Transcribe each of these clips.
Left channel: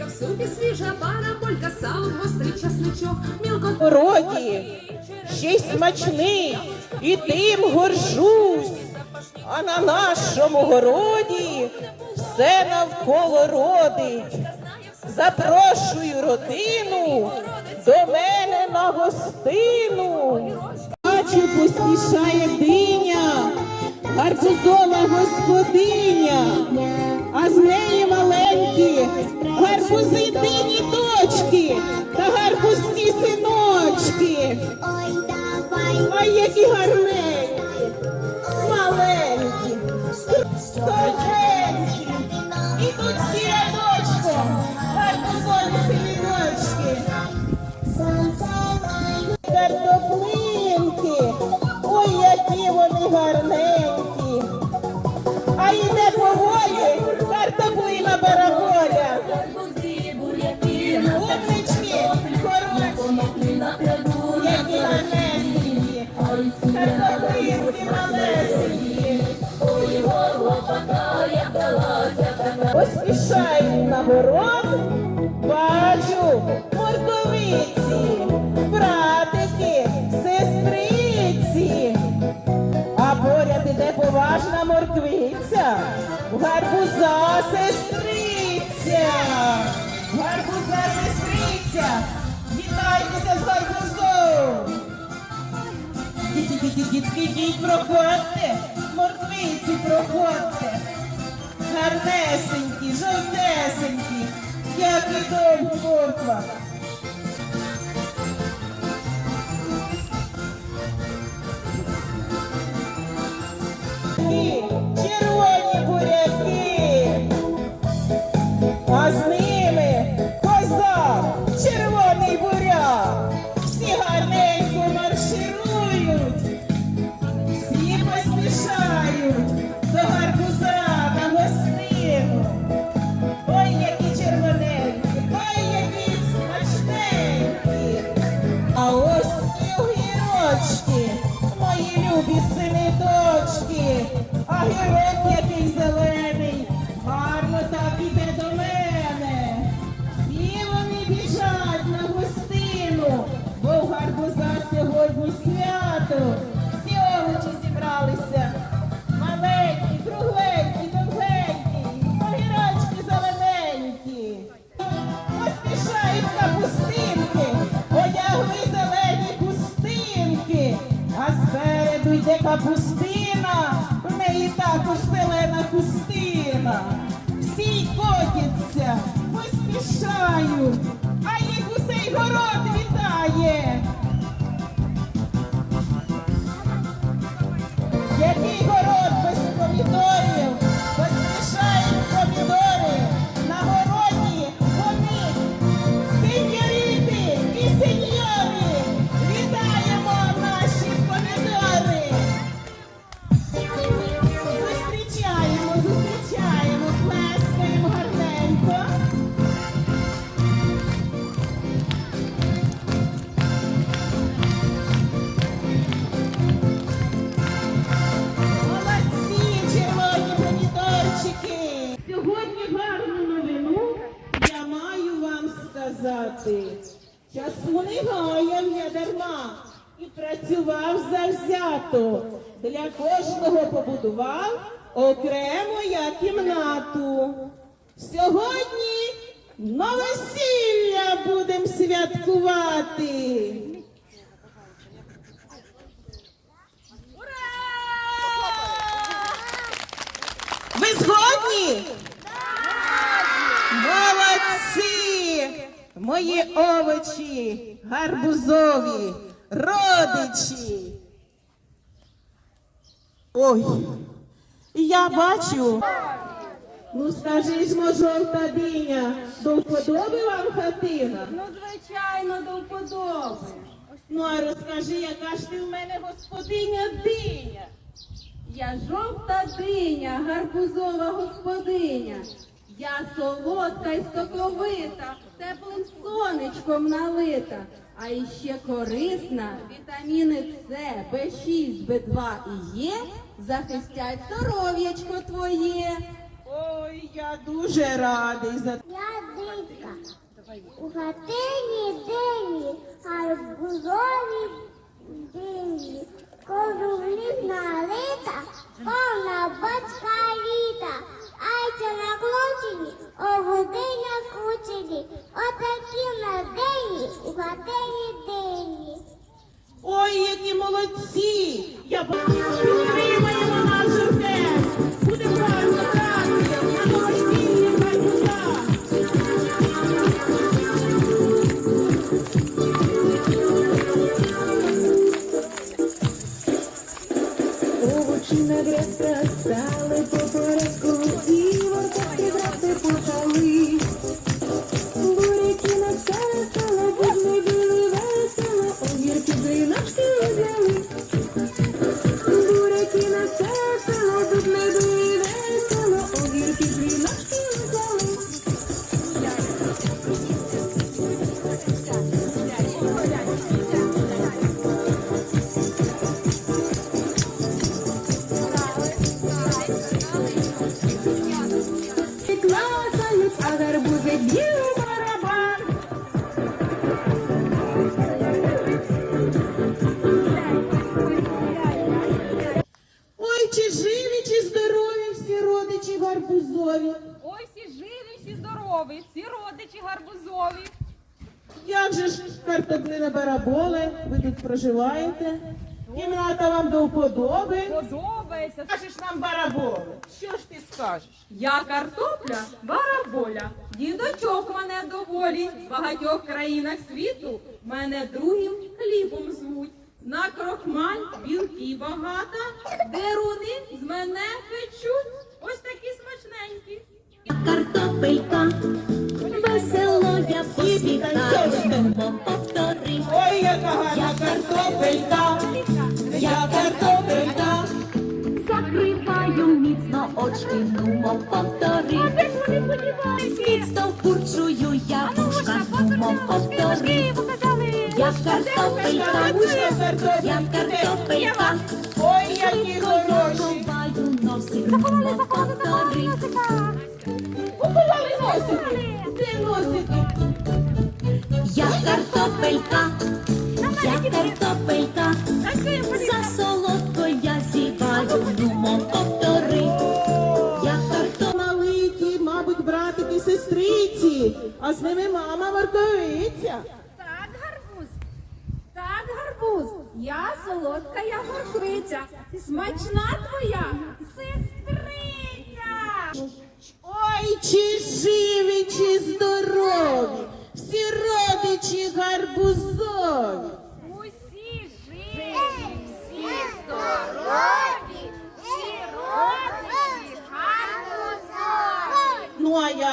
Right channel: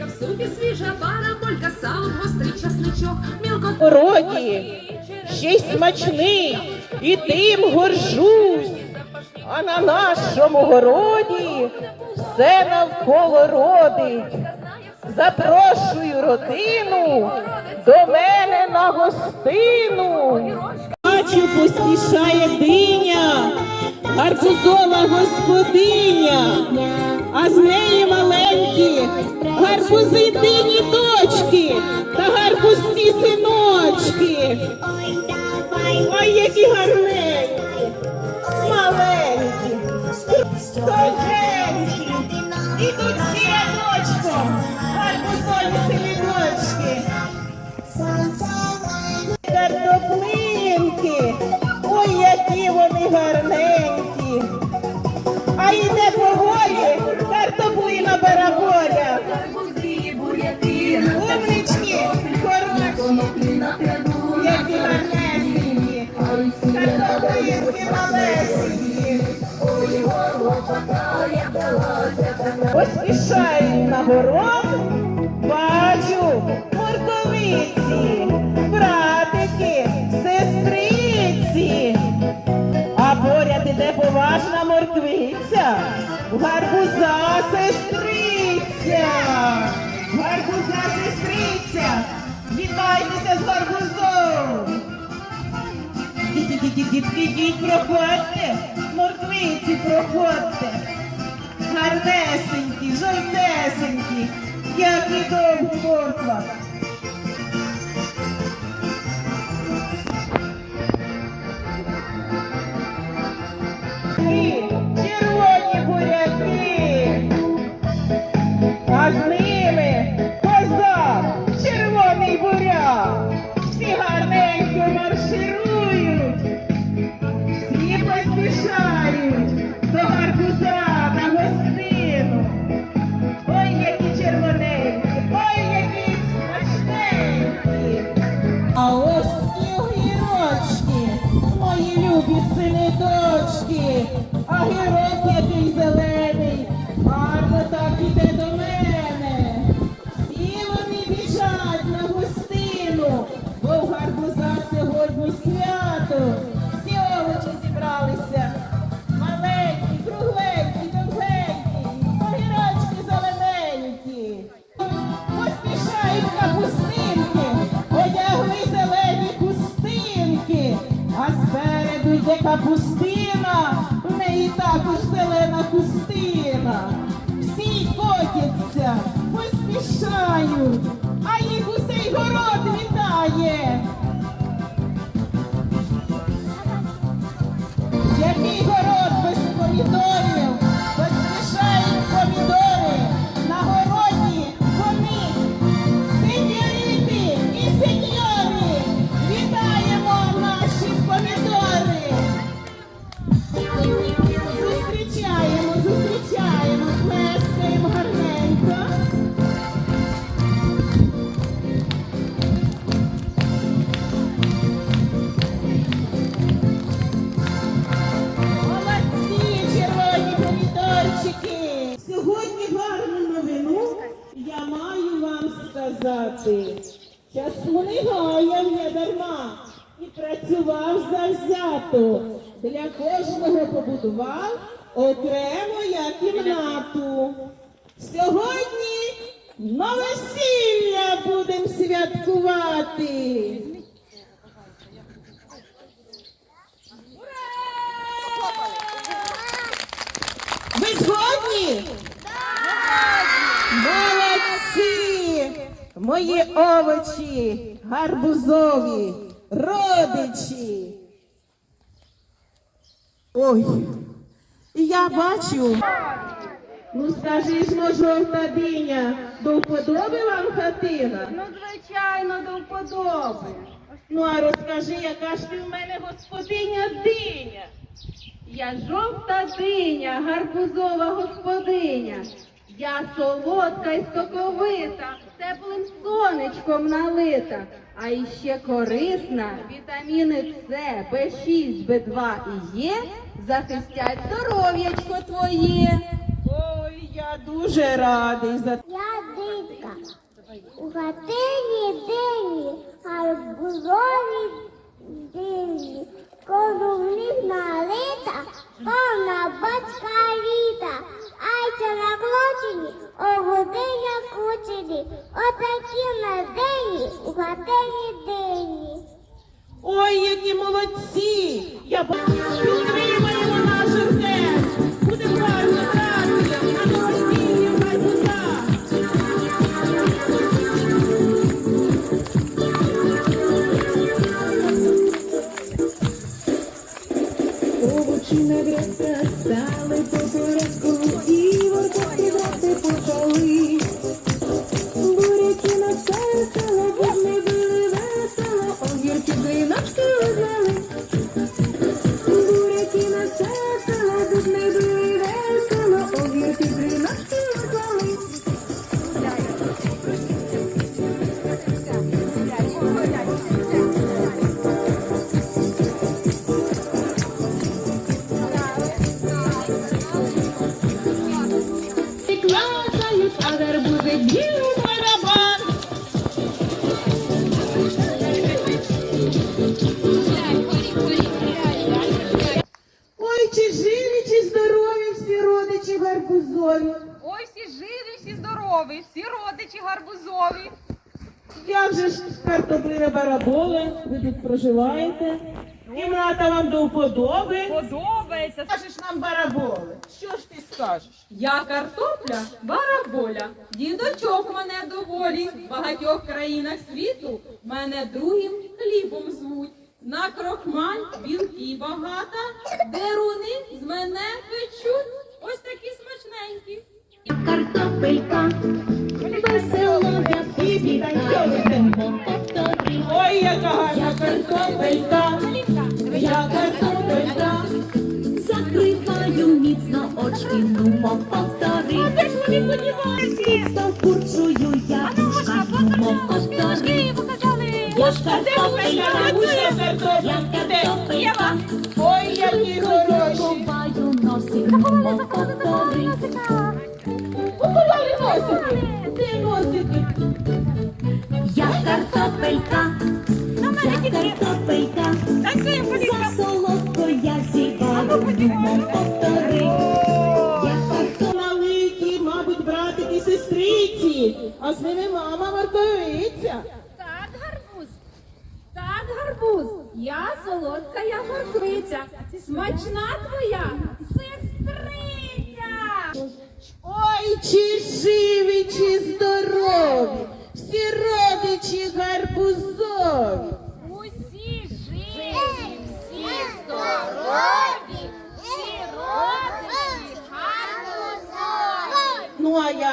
Цибулька в супі свіжа, параболька, сало, гострий часничок, мілко городі, ще й смачний, і тим горжусь. А на нашому городі все навколо родить. Запрошую родину до мене на гостину. Бачу, поспішає диня, гарбузова господиня, а з неї маленькі гарбузи дині дочки та гарбузці синочки. Ой, які гарненькі, маленькі, Дітки, дітки, діть, проходьте, морквиці, проходьте. Гарнесенькі, жовтесенькі, як і довго морква. está cuspindo. Кожного окремо кімнату. Сьогодні новосілля будемо святкувати. Ви згодні? Молодці! Мої овочі, гарбузові, родичі. Ой, я бачу. Ну скажи ж, мо, жовта диня, до вподоби вам хатина? Ну, звичайно, до вподоби. Ну а розкажи, яка ж ти в мене господиня диня? Я жовта диня, гарбузова господиня. Я солодка й соковита, теплим сонечком налита, а іще корисна, вітаміни С, Б6, Б2 і Є захистять здоров'ячко твоє. Ой, я дуже радий за Я дитка, У хатині дині, а в гарбузові дині, круглі налита, повна бочка літа, айця на клочені, огудиня кучені, отакі на дині, у хатині дині. Ой, які молодці! Я проживаєте? Кімната вам до вподоби. Подобається. Скажеш нам бараболи. Що ж ти скажеш? Я картопля, бараболя, дідочок мене доволі, в багатьох країнах світу мене другим хлібом звуть. На крохмаль білки багата, деруни з мене печуть, ось такі смачненькі. Картопелька, весело я Всі нумо повтори. Міцно курчую я вушка, нумо повтори. Я ж картопелька, Картопелька, картопелька. картопелька, Ой, які хороші. Маю носик, нумо повтори. Поховали носик, ти носики?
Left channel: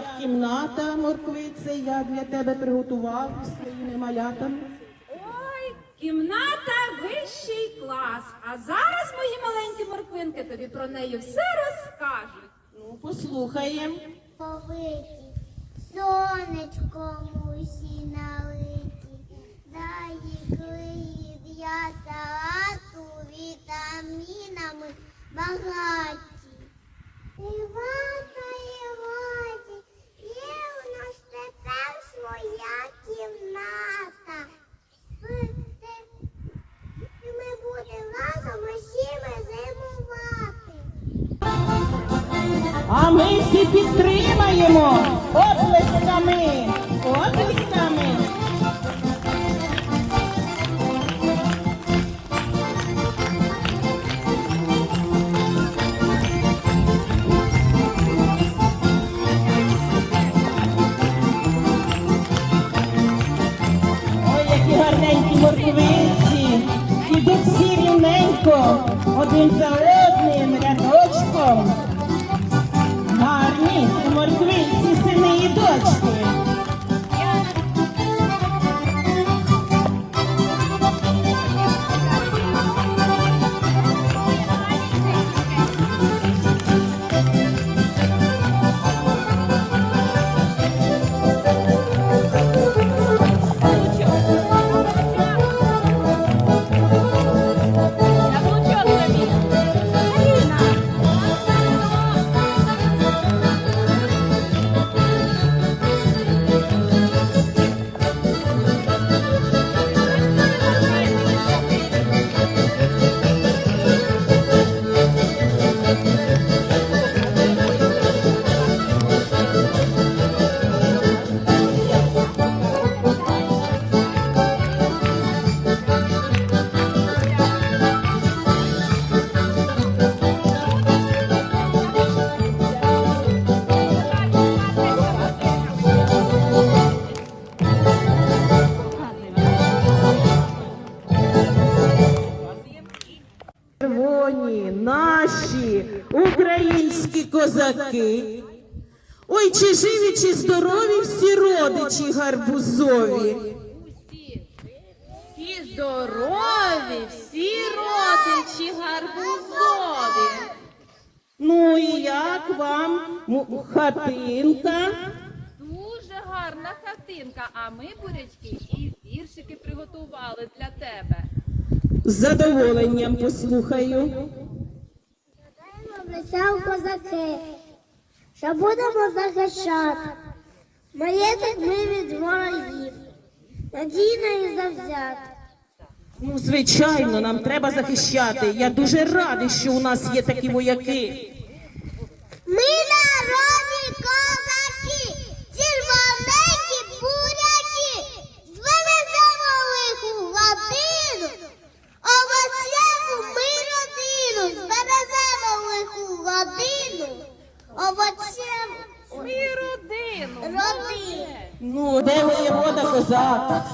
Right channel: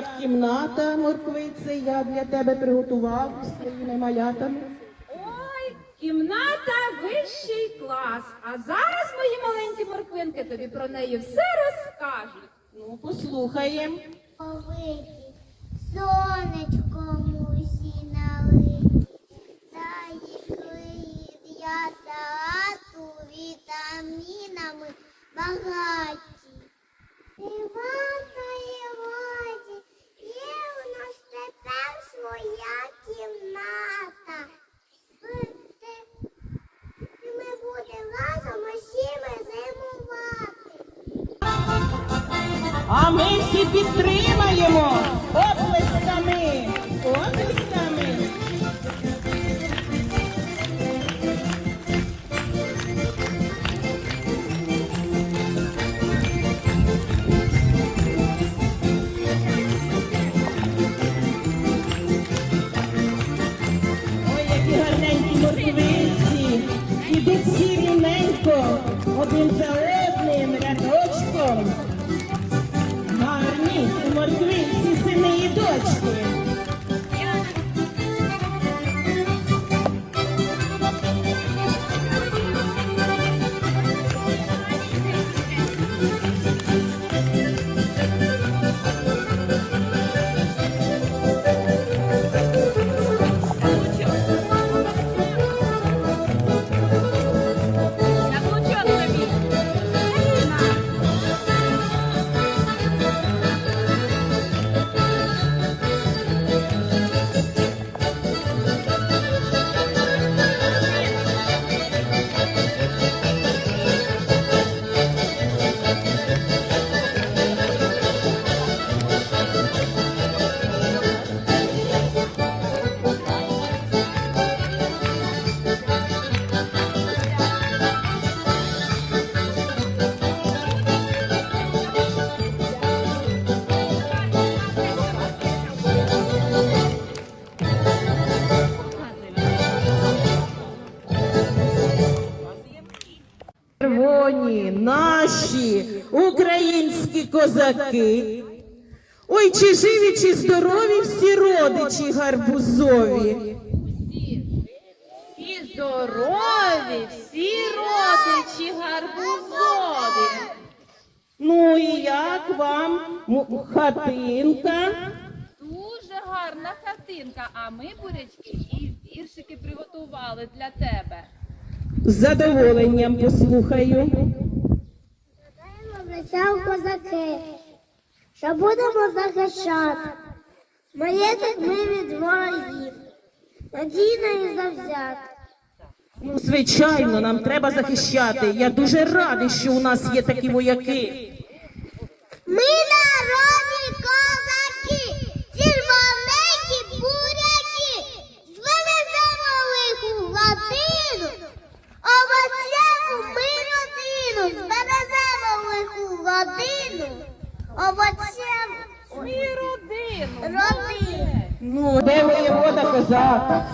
Як кімната, морквице, я для тебе приготував своїми малятами. Ой, кімната вищий клас. А зараз мої маленькі морквинки тобі про неї все розкажуть. Ну, послухаємо. Повиті, сонечком усі налиті, дай клеїть я салату вітамінами багаті. У нас тепер своя кімната. І ми будемо разом усіми зимувати. А ми всі підтримаємо один за одним родичі гарбузові. І здорові всі родичі гарбузові. Ну і як вам хатинка? Дуже гарна картинка, а ми, бурячки, і віршики приготували для тебе. З задоволенням послухаю. Обіцяв козаки, що будемо захищати. Маєток ми від ворогів, надійно і завзята. Ну, звичайно, нам треба захищати. Я дуже радий, що у нас є такі вояки. Ми народні 아.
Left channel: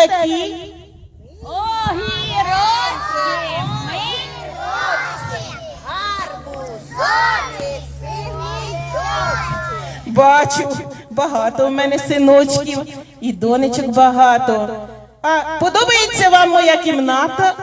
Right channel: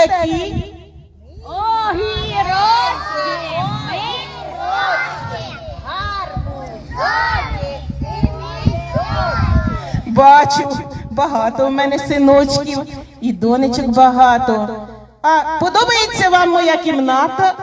Ви такі. Бачу, багато в мене синочків і донечок багато. А подобається вам моя кімната?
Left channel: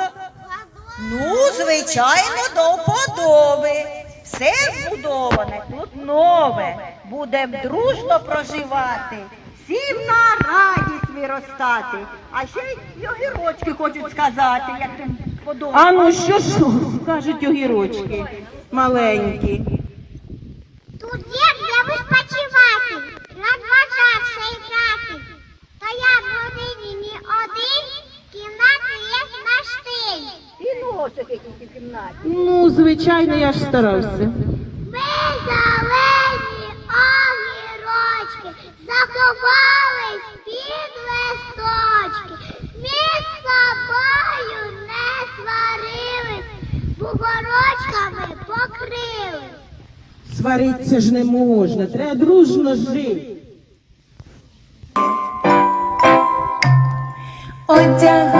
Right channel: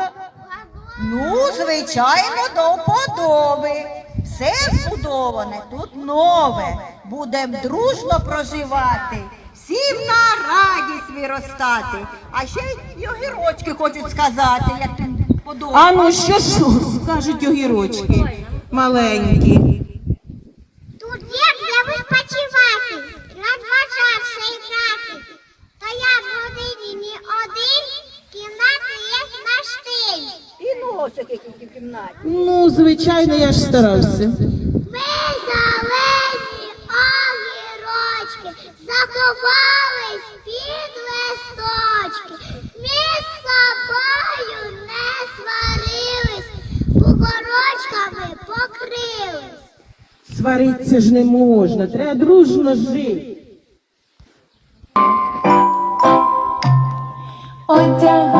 Ну, звичайно, до вподоби. Все збудоване, тут нове. Будем дружно проживати, всім на радість виростати. А ще й огірочки хочуть сказати, як тобі А ну що ж скажуть огірочки маленькі? Тут є де відпочивати, надважатися і грати. Та я в родині не один, кімнати є на штиль. І носик якийсь у кімнаті. Ну, звичайно, я ж старався. Ми зелені огірочки, заховались під листочки. Ми з собою не сварились, бугорочками покрились. Сваритися ж не можна, треба дружно жити. Одягалися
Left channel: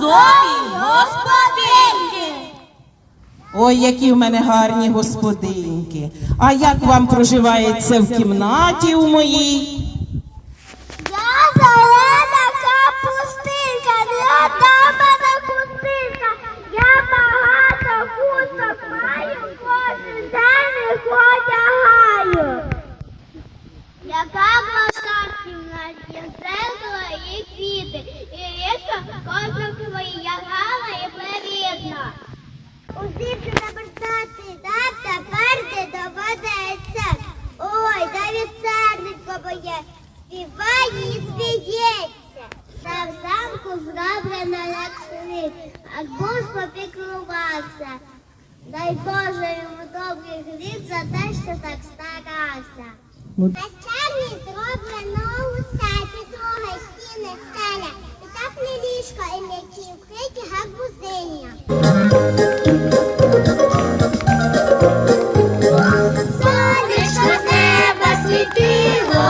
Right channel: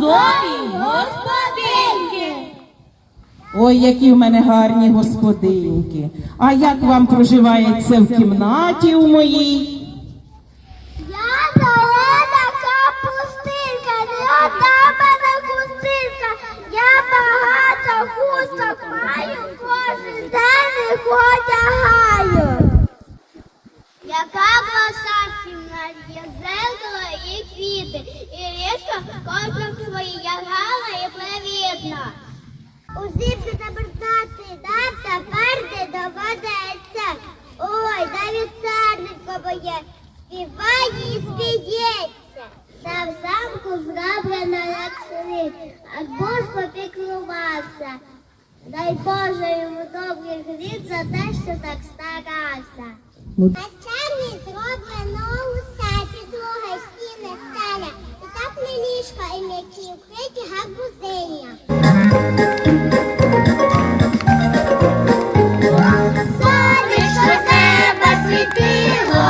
Гарбузові господинки. Ой, які в мене гарні господинки. А як вам проживається в кімнаті у моїй? Я зелена капустинка, не одна мене хустинка. Я багато хусток маю, кожен день їх одягаю яка була старшина, є зеркало і квіти, і річка кожна свої ягала і плевідна. Узився забертати, да тепер ти доведеться. Ой, навіть царник побоє, співає і спіється. Та в замку зроблена як шрифт, а буш попіклувався. Дай Боже йому добрий літ за те, що так старався. На чарні зроблено усе, підлога, стіни, стеля, і тепле ліжко, і м'які вкриті гарбузиня. Сонечко з неба світило,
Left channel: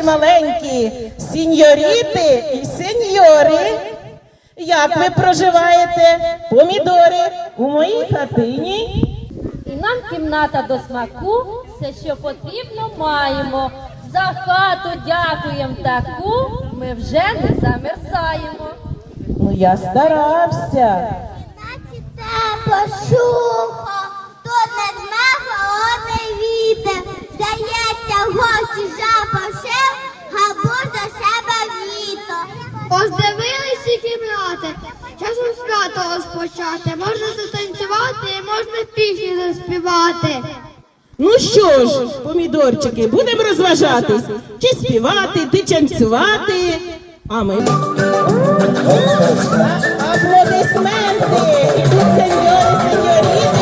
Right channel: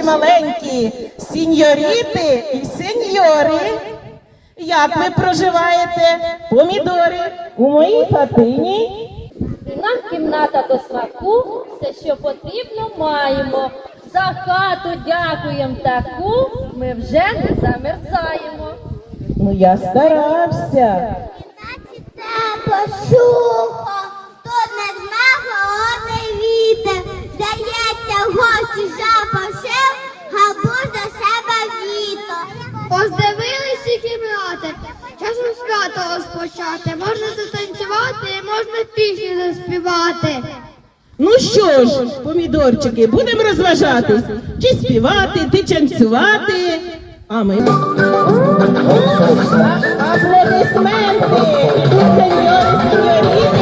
наші маленькі сіньоріти і сеньори. Як ви проживаєте? Помідори у моїй хатині. Нам кімната до смаку, все, що потрібно, маємо. За хату дякуємо таку, ми вже не замерзаємо. Ну я старався. Тепло, сухо, тут над дме холодний вітер. Здається, в гості габур до себе в літо. Поздивилися кімнати, часом свято розпочати. Можна затанцювати, можна пісню заспівати. Ну що ж, помідорчики, будемо розважатись. Чи співати, чи танцювати. А ми. Аплодисменти! Сеньори, сеньоріти,